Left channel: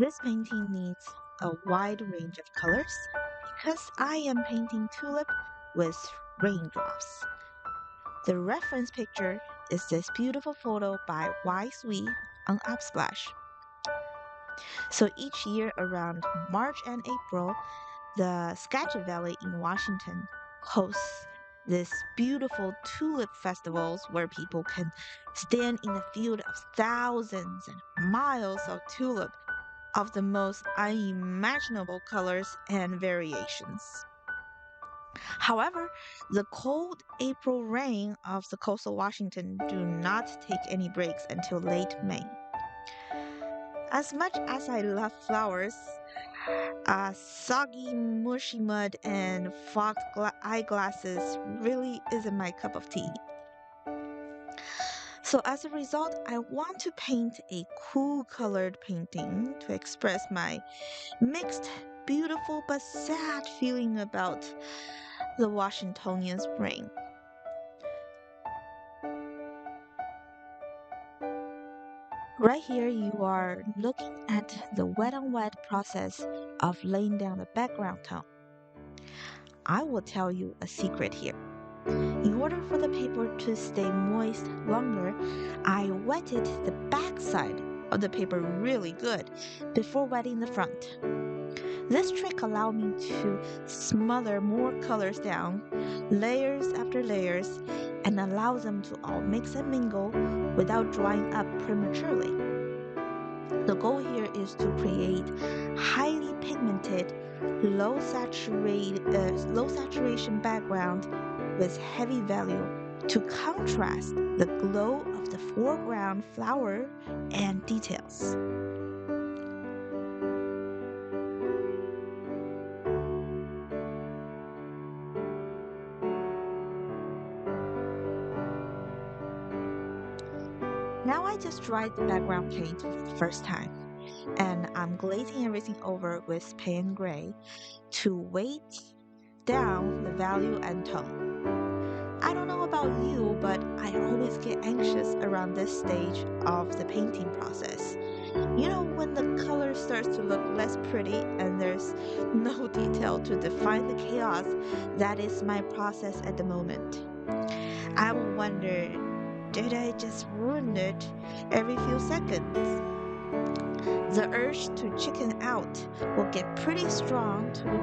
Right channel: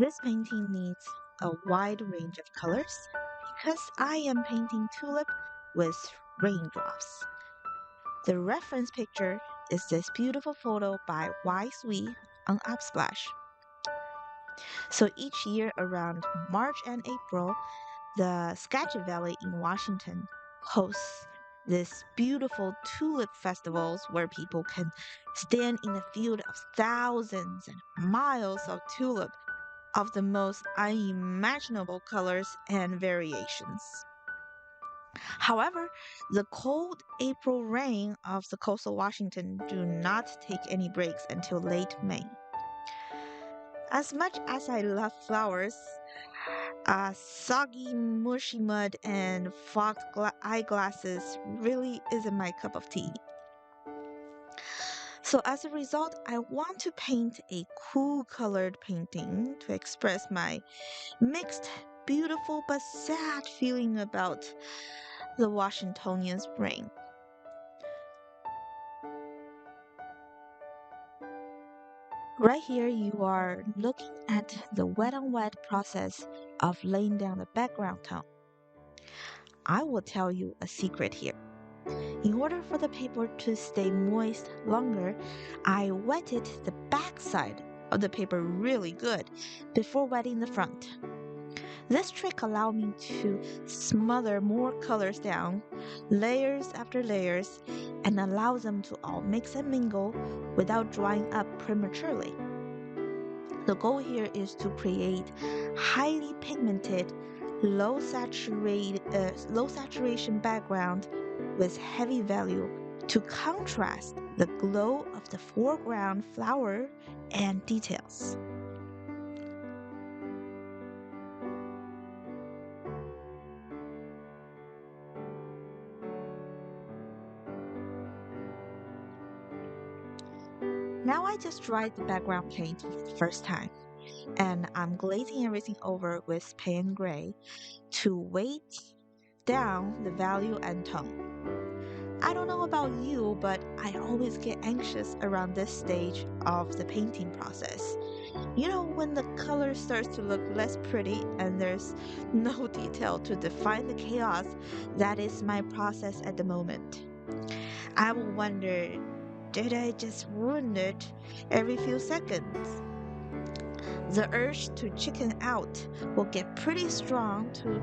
This painting needs a wide range of colors because I am painting tulip with raindrops. The reference picture is this beautiful photo by Wai Siew on Unsplash. So each year around March and April, the Skagit Valley in Washington hosts these beautiful tulip festivals where people can stand in a field of thousands and miles of tulip of the most unimaginable colors and variations. However, the cold April rain of the coastal Washington do not take any breaks until late May. As much as I love flowers, soggy, mushy mud and fogged eyeglasses really isn't my cup of tea. So as a result, I want to paint a cool colored painting to express my mixed, beautiful but sad feeling about the Washingtonian spring. Right here, you are looking at the wet on wet process of laying down the background tone. I will tell you a secret here. In order for the paper to stay moist longer, I wetted the back side of the paper really good before wetting the front. This trick allowed me to smother more colors down, layers after layers, and allow them to all mix and mingle without drying up prematurely. The goal here is to create highly pigmented, low saturation background with heavy value to contrast the glow of the foreground flower and details. Now I just dried the background paint for the first time, and I'm glazing everything over with payne gray to weight down the value and tone. I don't know about you, but I always get anxious around this stage of the painting process. You know, when the color starts to look less pretty and there's no detail to define the chaos, that is my process at the moment. I will wonder, did I just ruin it every few seconds? The urge to chicken out will get pretty strong to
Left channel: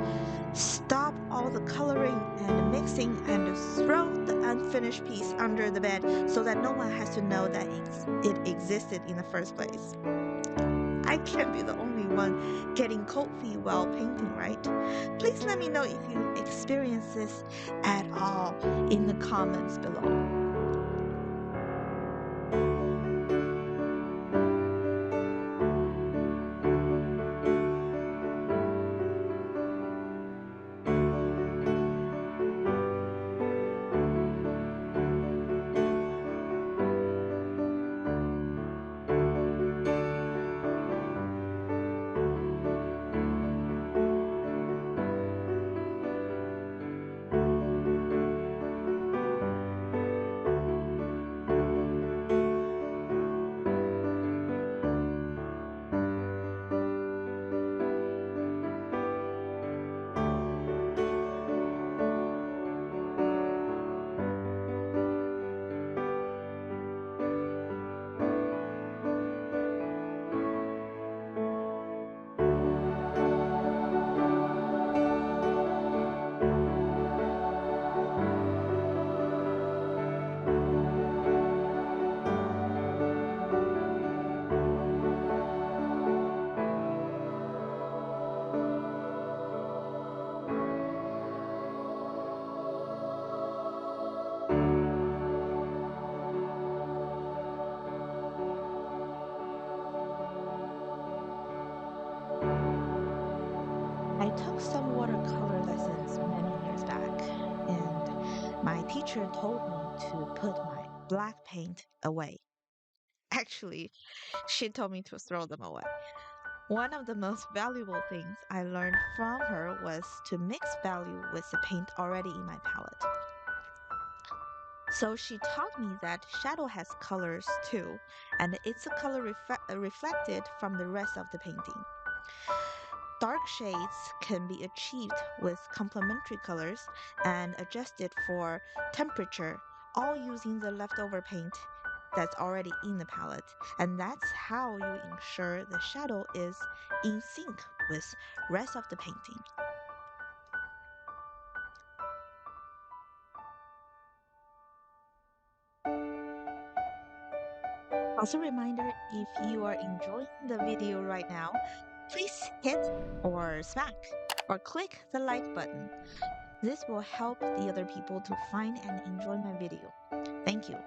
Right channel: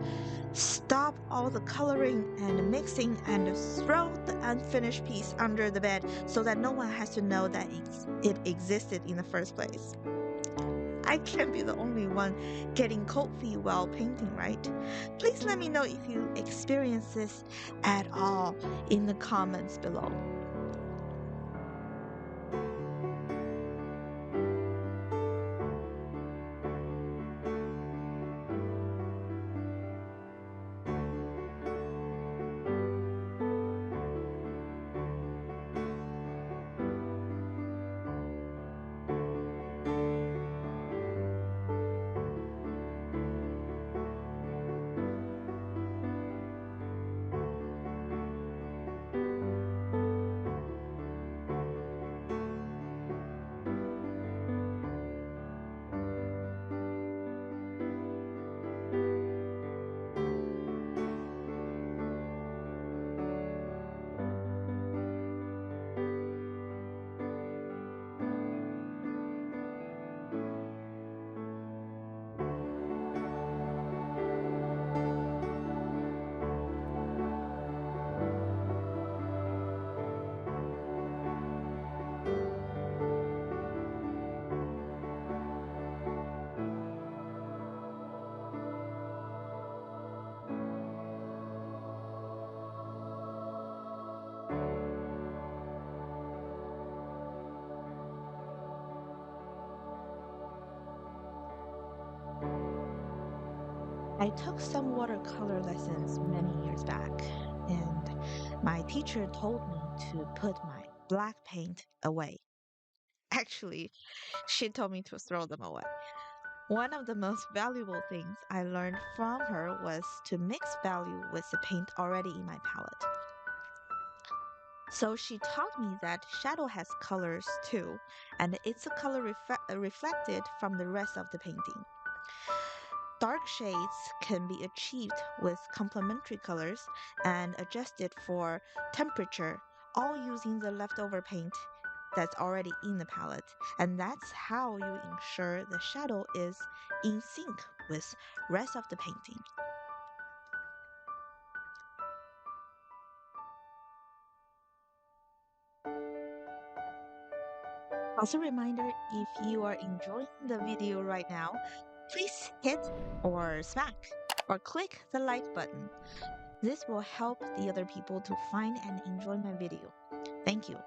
stop all the coloring and mixing and throw the unfinished piece under the bed so that no one has to know that it existed in the first place. I can't be the only one getting cold feet while painting, right? Please let me know if you experience this at all in the comments below. I took some watercolor lessons many years back, and my teacher told me to put my black paint away. Actually, she told me to throw them away. One of the most valuable things I learned from her was to mix value with the paint already in my palette. So she taught me that shadow has colors too, and it's a color reflected from the rest of the painting. Dark shades can be achieved with complementary colors and adjusted for temperature, all using the leftover paint that's already in the palette. And that's how you ensure the shadow is in sync with rest of the painting. Also, a reminder, if you are enjoying the video right now, please hit or smack or click the like button. This will help the other people to find and enjoy my video. Thank you.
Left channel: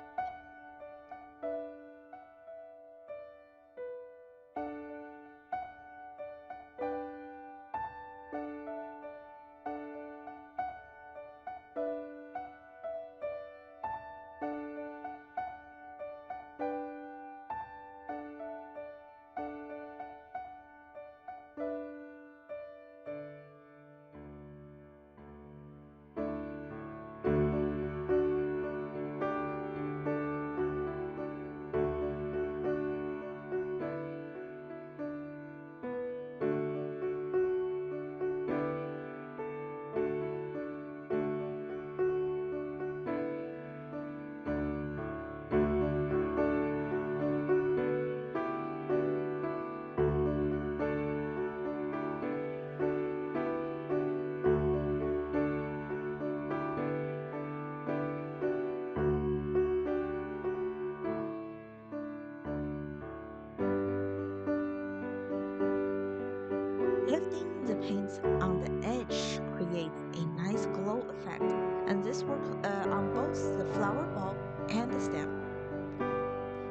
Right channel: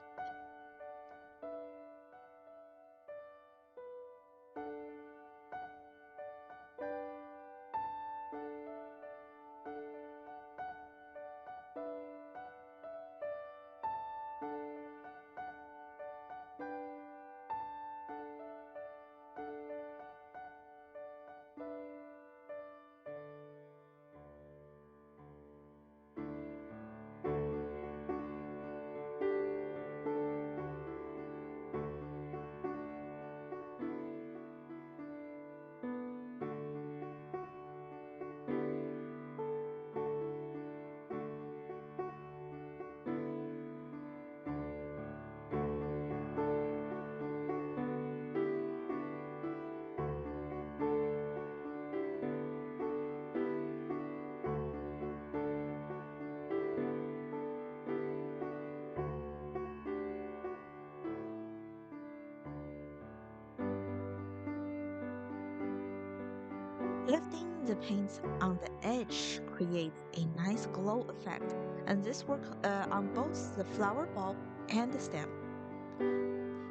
Lifting the paints on the edge creates a nice glow effect, and this works on both the flower bulb and the stem.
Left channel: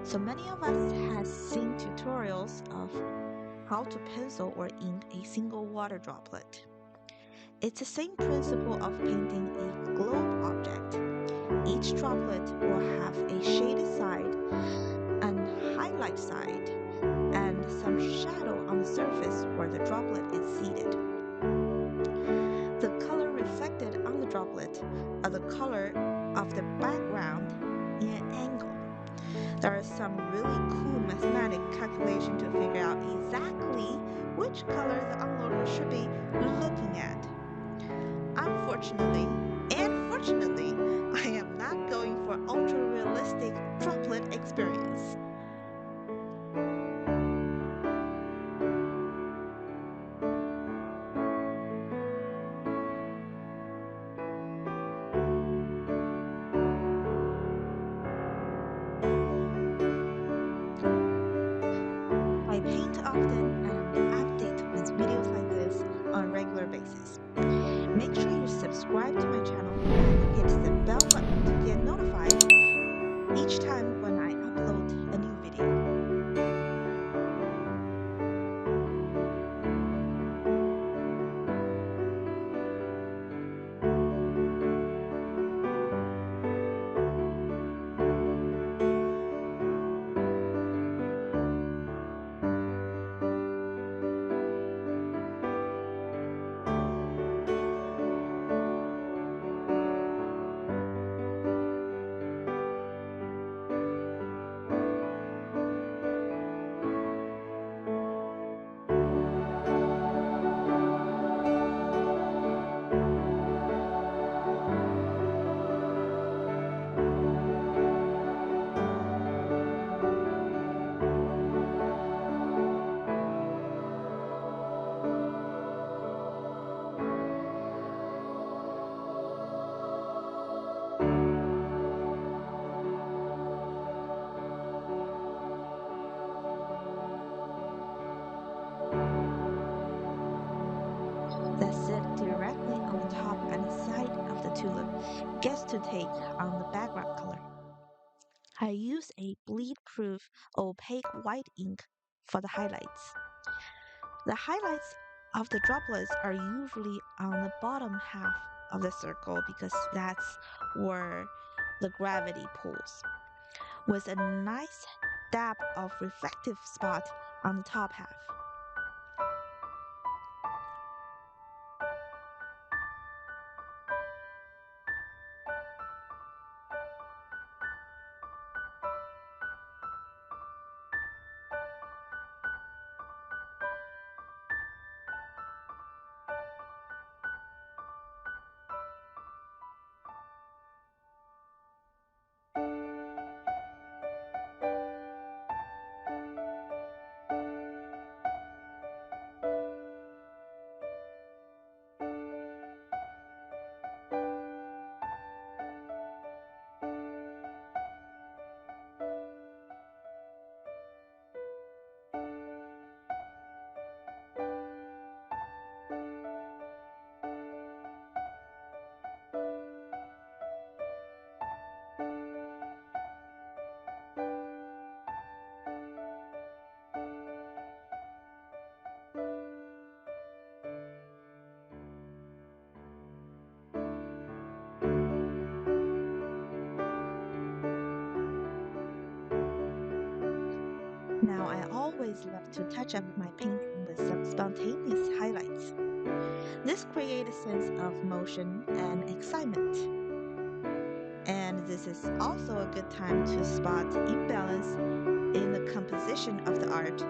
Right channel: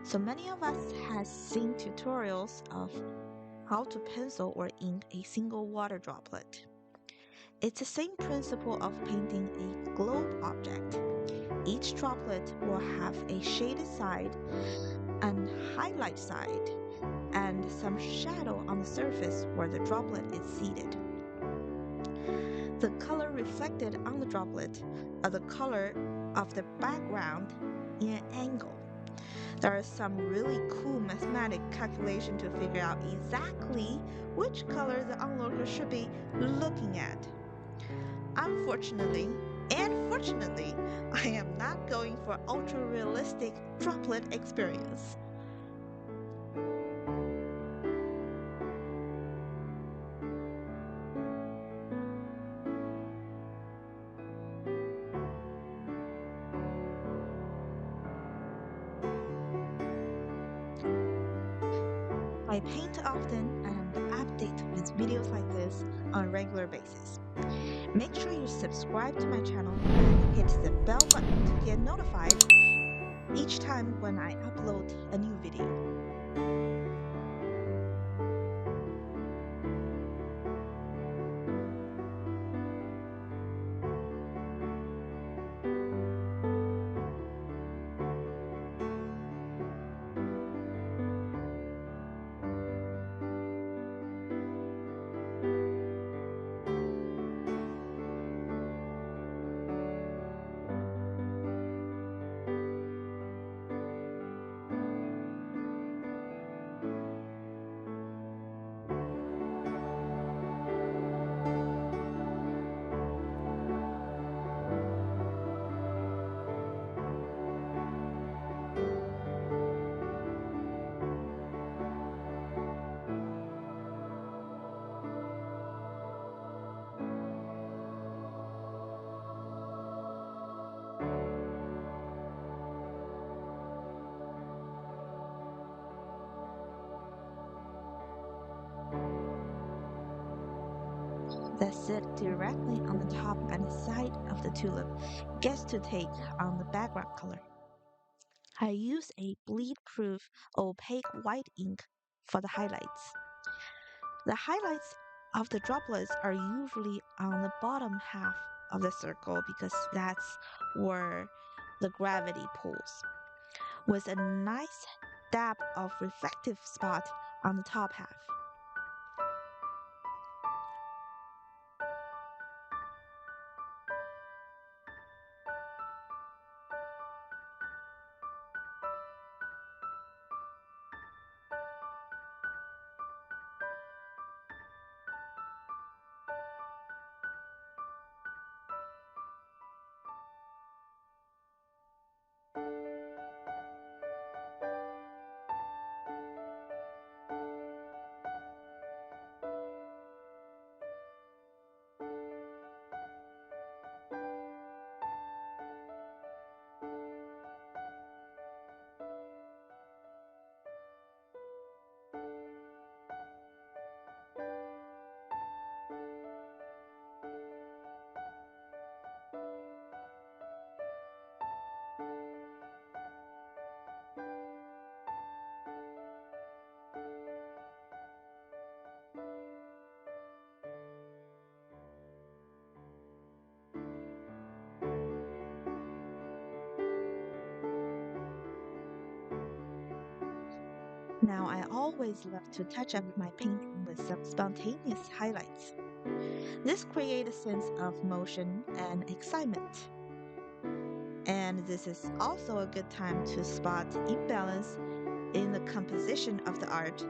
So many of us has seen tutorials of how to pencil or ink a single water droplet. It's the same principle of painting a globe object. Each droplet will have a shaded side and highlight side and some shadow on the surface where the droplet is seated. The color reflected on the droplet are the color of the background in an angle. There is some really cool mathematic calculation to figure out exactly which color the onlooker should be looking at. Unfortunately, and fortunately, I am not going for ultra realistic droplet experience. I paint often and update with videos like this on a regular basis. Make sure you subscribe to my channel and hit the bell button to get notified each time when I upload a new video. That sit directly on the top and side of the tulip gets to take on the background color. I use a bleed-proof opaque white ink for the highlights. The highlights of the droplets are usually on the bottom half of the circle because that's where the gravity pulls, with a nice dab of reflective spot on the top half. Now, I always love to touch up my painting with some spontaneous highlights. This creates a sense of motion and excitement. And this is also a good time to spot imbalance in the composition of the art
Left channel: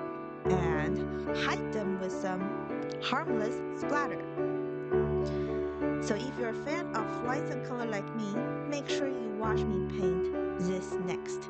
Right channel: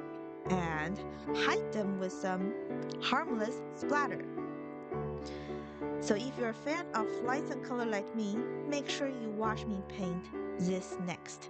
and hide them with some harmless splatter. So if you're a fan of lights and color like me, make sure you watch me paint this next.